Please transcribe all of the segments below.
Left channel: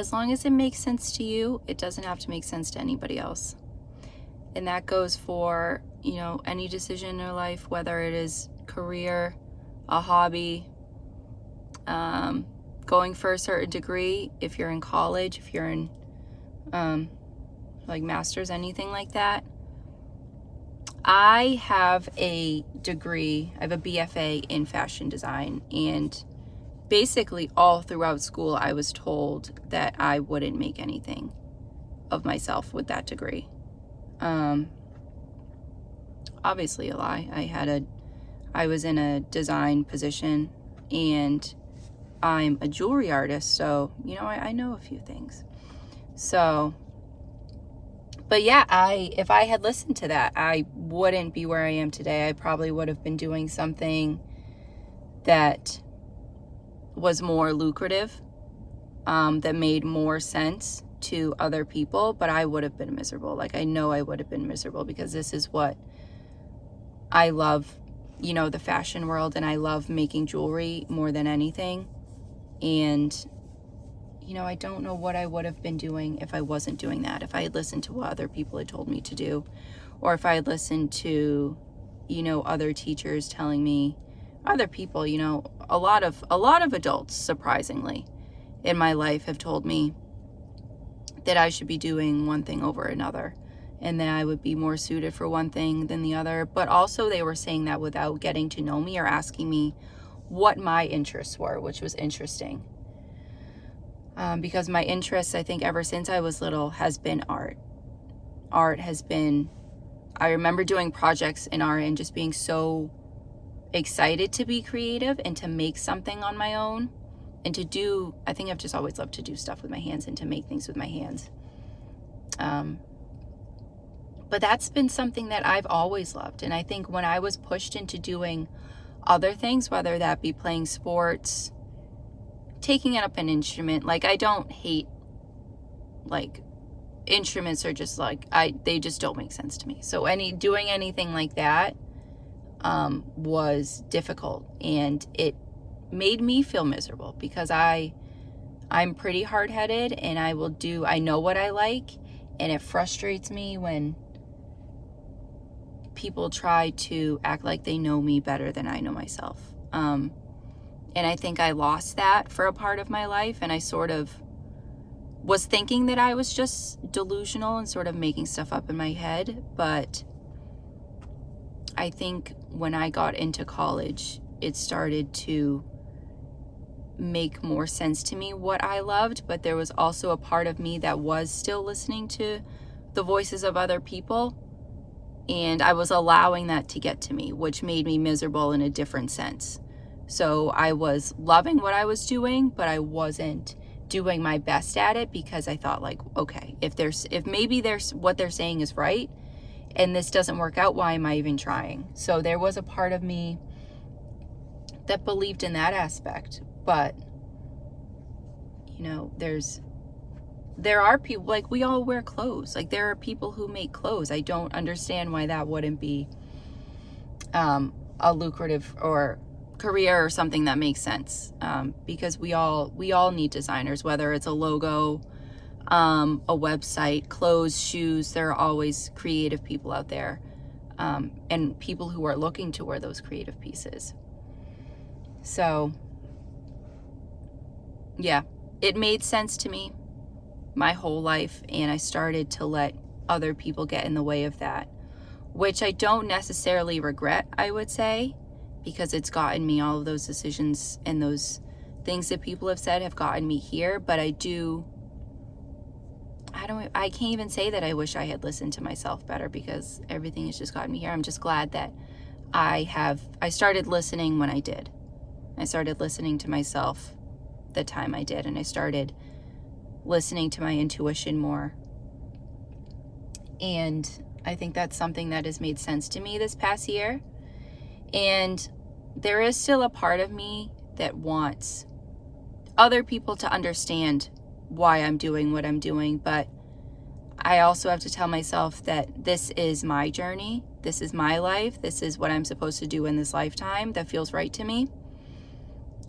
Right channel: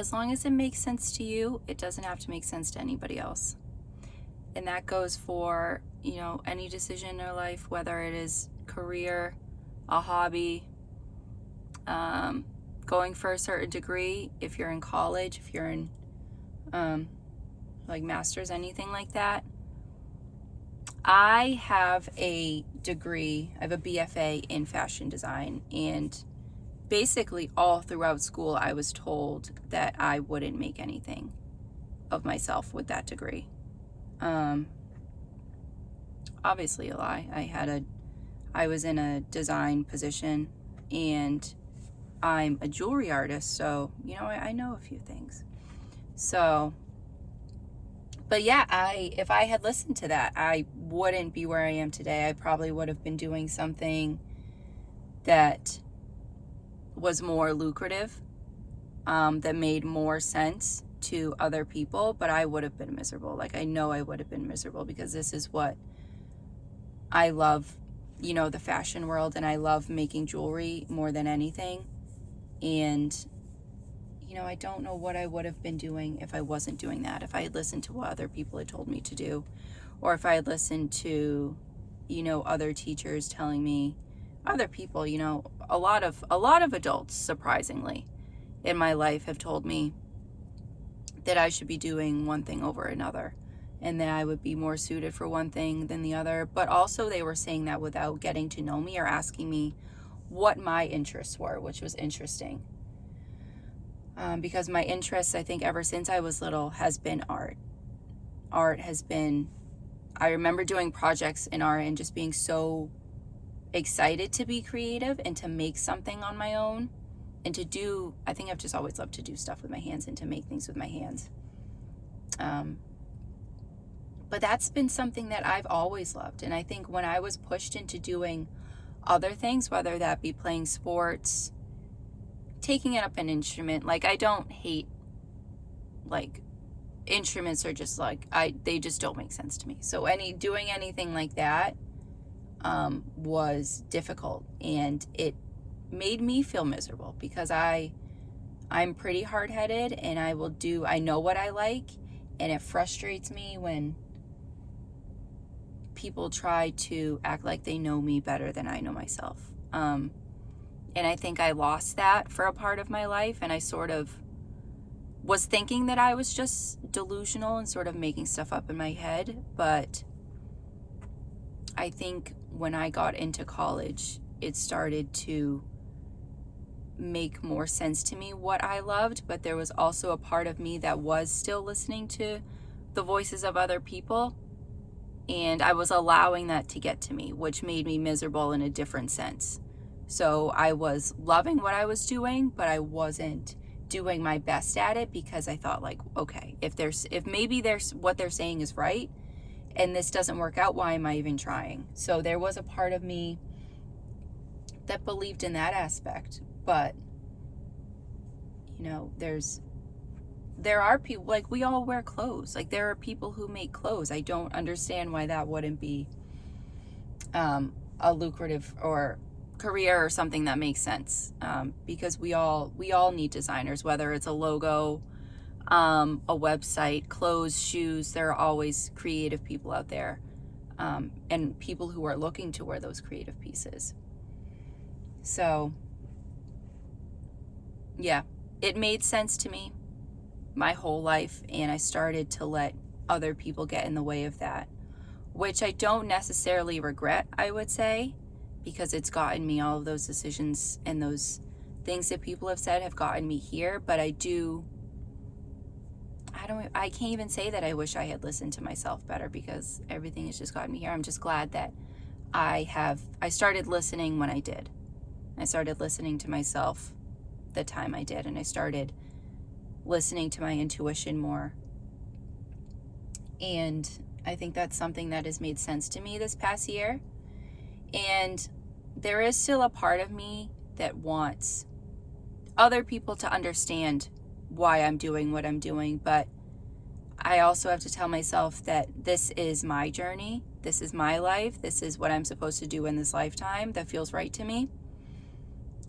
as long as it makes sense to you, it doesn't have to make sense to anybody else. And that goes for, any decision in your life, whether it is career, a hobby, going for a certain degree, if you're in college, if you're in like master's, anything like that. I have a degree, I have a BFA in fashion design, and basically all throughout school I was told that I wouldn't make anything of myself with that degree. Obviously a lie. I was in a design position, and I'm a jewelry artist, so I know a few things. So, but yeah, if I had listened to that, I wouldn't be where I am today. I probably would have been doing something that was more lucrative, that made more sense to other people, but I would have been miserable. Like, I know I would have been miserable, because this is what I love, the fashion world, and I love making jewelry more than anything. And I don't know what I would have been doing if I wasn't doing that, if I had listened to what other people had told me to do, or if I had listened to, other teachers telling me, other people, a lot of adults, surprisingly, in my life have told me that I should be doing one thing over another, and that I would be more suited for one thing than the other. But also they were saying that without getting to know me or asking me what my interests were, which was interesting. Because my interests, I think ever since I was little, has been art. Art has been, I remember doing projects in art and just being so excited to be creative and to make something on my own, and to do, I think I've just always loved to do stuff with my hands and to make things with my hands. But that's been something that I've always loved. And I think when I was pushed into doing other things, whether that be playing sports, taking up an instrument, like, I don't hate, like, instruments are just like, they just don't make sense to me. So doing anything like that was difficult, and it made me feel miserable, because I'm pretty hard-headed, and I know what I like, and it frustrates me when people try to act like they know me better than I know myself. And I think I lost that for a part of my life, and I sort of was thinking that I was just delusional and sort of making stuff up in my head. But I think when I got into college, it started to make more sense to me what I loved, but there was also a part of me that was still listening to the voices of other people, and I was allowing that to get to me, which made me miserable in a different sense. So I was loving what I was doing, but I wasn't doing my best at it, because I thought, like, okay, if maybe what they're saying is right and this doesn't work out, why am I even trying? So there was a part of me that believed in that aspect. But there are people, like, we all wear clothes. Like, there are people who make clothes. I don't understand why that wouldn't be a lucrative or career or something that makes sense, because we all need designers, whether it's a logo, a website, clothes, shoes. There are always creative people out there, and people who are looking to wear those creative pieces. So yeah, it made sense to me my whole life, and I started to let other people get in the way of that, which I don't necessarily regret, I would say, because it's gotten me, all of those decisions and those things that people have said have gotten me here. But I can't even say that I wish I had listened to myself better, because everything has just gotten me here. I'm just glad that I started listening when I did. I started listening to myself the time I did, and I started listening to my intuition more. And I think that's something that has made sense to me this past year. And there is still a part of me that wants other people to understand why I'm doing what I'm doing, but I also have to tell myself that this is my journey, this is my life, this is what I'm supposed to do in this lifetime that feels right to me.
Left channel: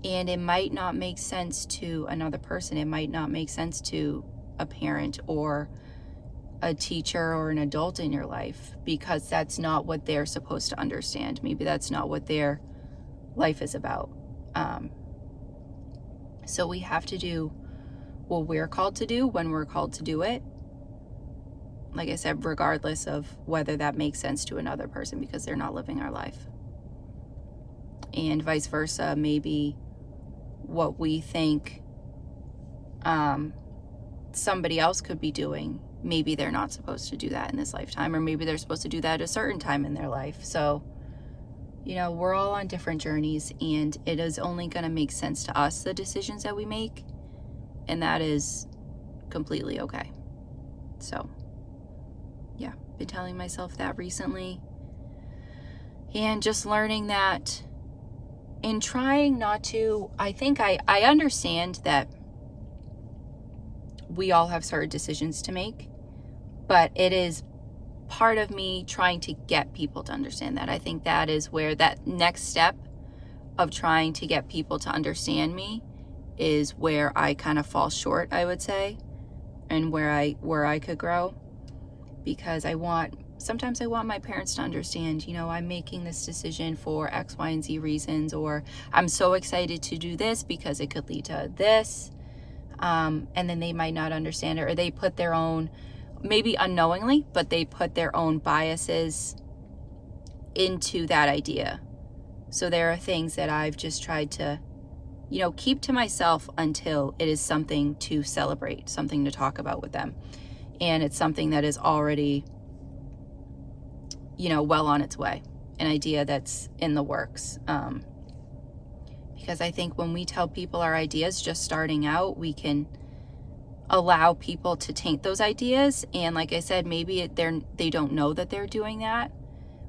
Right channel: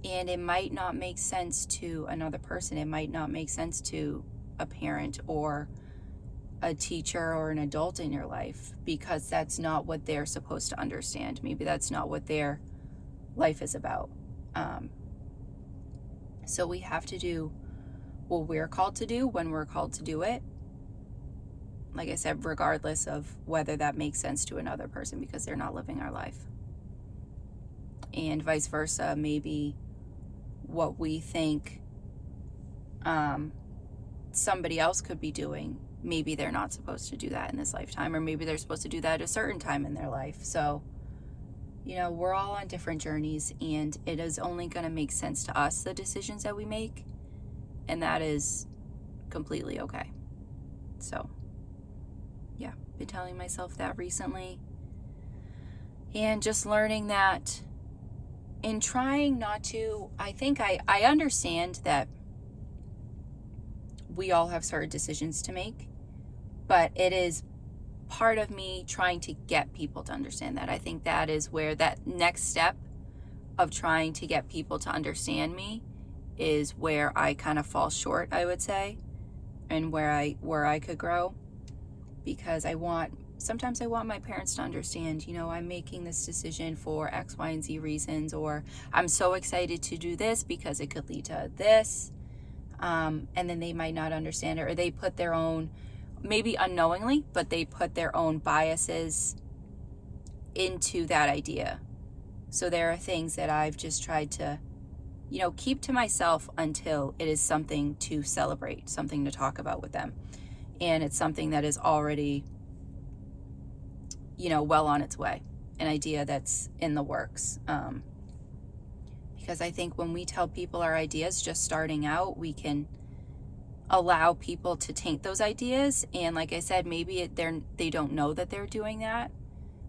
And it might not make sense to another person. It might not make sense to a parent or a teacher or an adult in your life, because that's not what they're supposed to understand. Maybe that's not what their life is about. So we have to do what we're called to do when we're called to do it. Like I said, regardless of whether that makes sense to another person, because they're not living our life. And vice versa, maybe what we think somebody else could be doing, maybe they're not supposed to do that in this lifetime, or maybe they're supposed to do that at a certain time in their life. So, we're all on different journeys, and it is only going to make sense to us, the decisions that we make, and that is completely okay. So, yeah, been telling myself that recently, and just learning that, and trying not to, I think I understand that we all have certain decisions to make, but it is part of me trying to get people to understand that. I think that is where that next step of trying to get people to understand me is where I kind of fall short, I would say, and where I could grow, because sometimes I want my parents to understand, I'm making this decision for X, Y, and Z reasons, or I'm so excited to do this because it could lead to this. And then they might not understand it, or they put their own, maybe unknowingly, but they put their own biases into that idea. So there are things that I've just tried to, keep to myself until it is something to celebrate, something to talk about with them. And it's something that is already, well on its way, an idea that's in the works. Because I think when we tell people our ideas just starting out, we can allow people to taint those ideas. And like I said, maybe they don't know that they're doing that,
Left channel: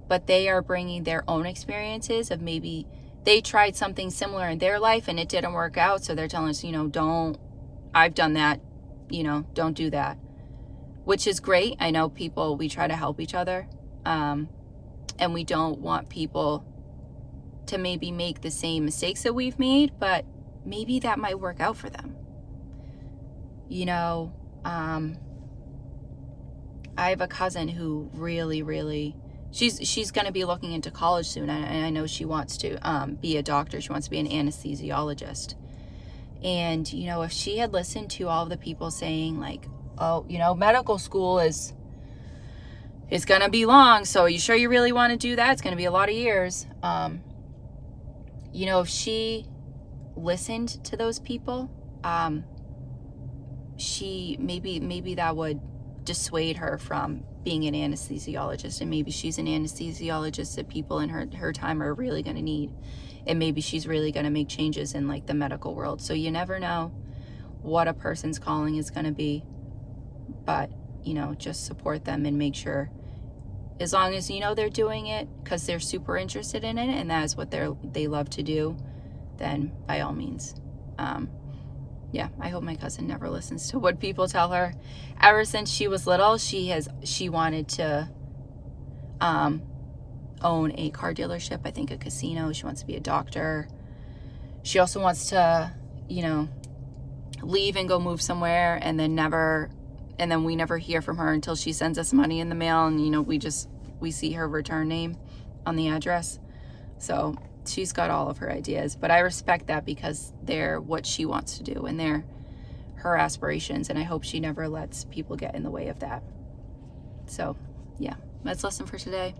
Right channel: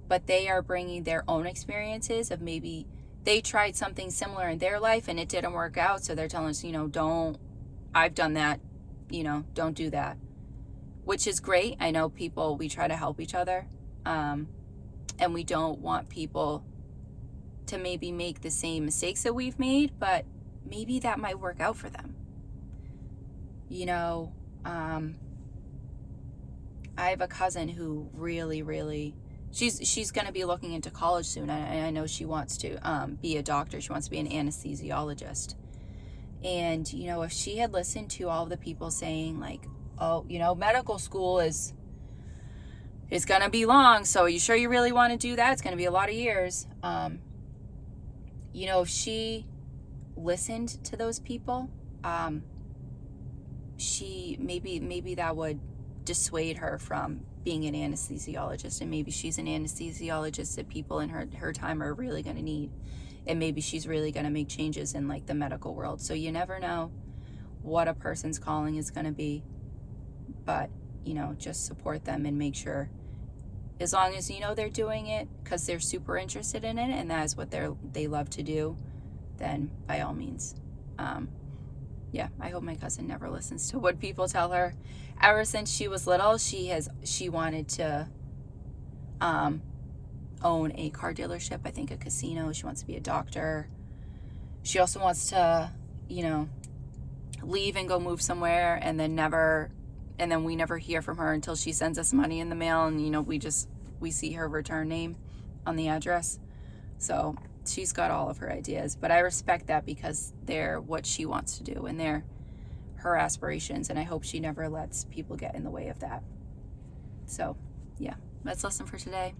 but they are bringing their own experiences of maybe they tried something similar in their life and it didn't work out. So they're telling us, I've done that, don't do that, which is great. I know we try to help each other. And we don't want people to maybe make the same mistakes that we've made, but maybe that might work out for them. I have a cousin who really, she's going to be looking into college soon, and I know she wants to be a doctor. She wants to be an anesthesiologist. And, if she had listened to all of the people saying like, oh, medical school is going to be long, so are you sure you really want to do that? It's going to be a lot of years. If she listened to those people, she maybe that would dissuade her from being an anesthesiologist, and maybe she's an anesthesiologist that people in her time are really going to need, and maybe she's really going to make changes in like the medical world. So you never know what a person's calling is going to be, but just support them and make sure, as long as they're doing it because they're super interested in it and that is what they love to do, then by all means. Yeah, I hope my cousin never listens to what people tell her. Ever since she was little, she wanted to own a car dealership, I think a casino. She wants to be a doctor. She also wants to, leave and go move somewhere, and then we never hear from her until she sends us money in the mail, and we see her return name on the address. So she's got all of her ideas, but I respect that because they're what she wants to do and they're her aspirations, and I hope she never lets people get in the way of that. So yeah, that's lesson for today.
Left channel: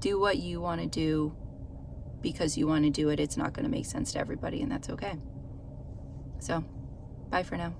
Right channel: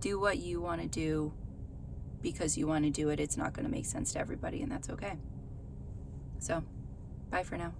Do what you want to do because you want to do it. It's not going to make sense to everybody, and that's okay. So bye for now.